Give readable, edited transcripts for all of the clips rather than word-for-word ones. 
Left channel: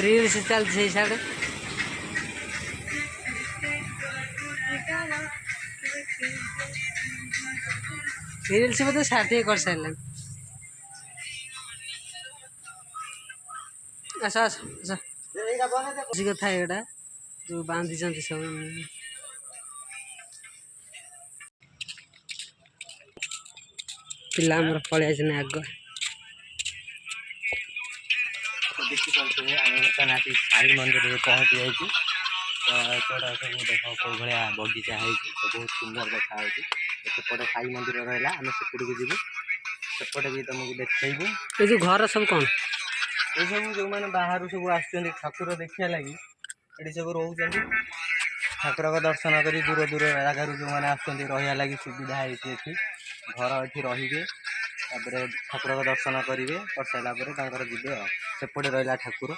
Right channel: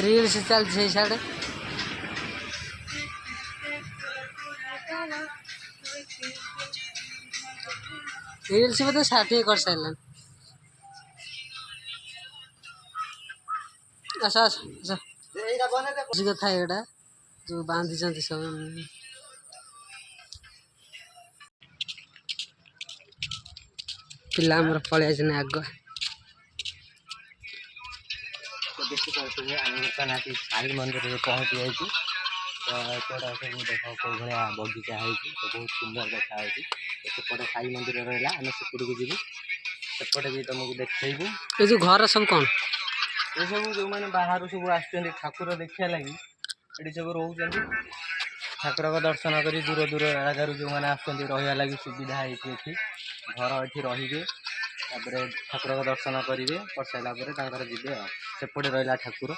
reels चलती साढ़े reels में तो 60 कर सारे आस आस कथा एटा जो बांधी सब पिला पलि आग देखिए आम बर्तमान आसी साई मंदिर में पहुँची जाइए तो एपटा सब देख कौ भाया बगीचा है तो बहुत सुंदर देखा सेपटे साई मंदिर रहा आम सेपट को जीवु सेपटे भी तुमको देखू ये जो घर सब कौन ये सब जो मैंने बाहर सब आसुँच ठाकुर देखा लगी ये सब रोच ठाकुर का दर्शन कर दूर दूर जगार जो मैंने आसुँच रहा लगी सुविधा है घर ये रे तापर ठाकुर का दर्शन करेंगे कर सारापर जी सेपटे रहा ठाकुर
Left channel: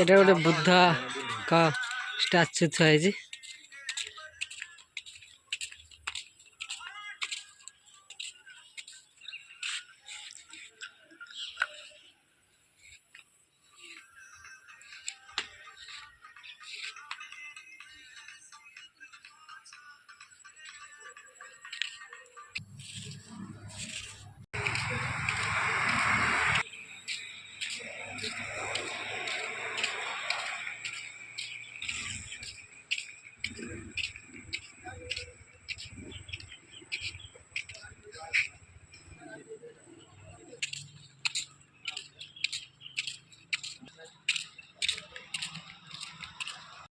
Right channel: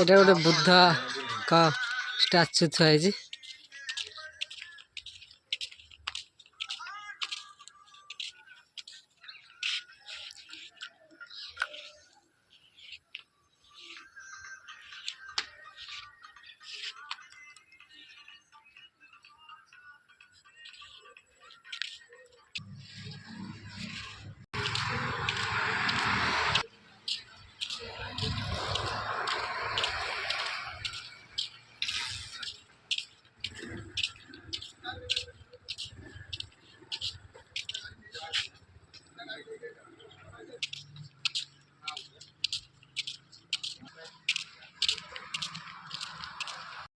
एटा गोटे बुद्ध का स्टाच्यू थुआई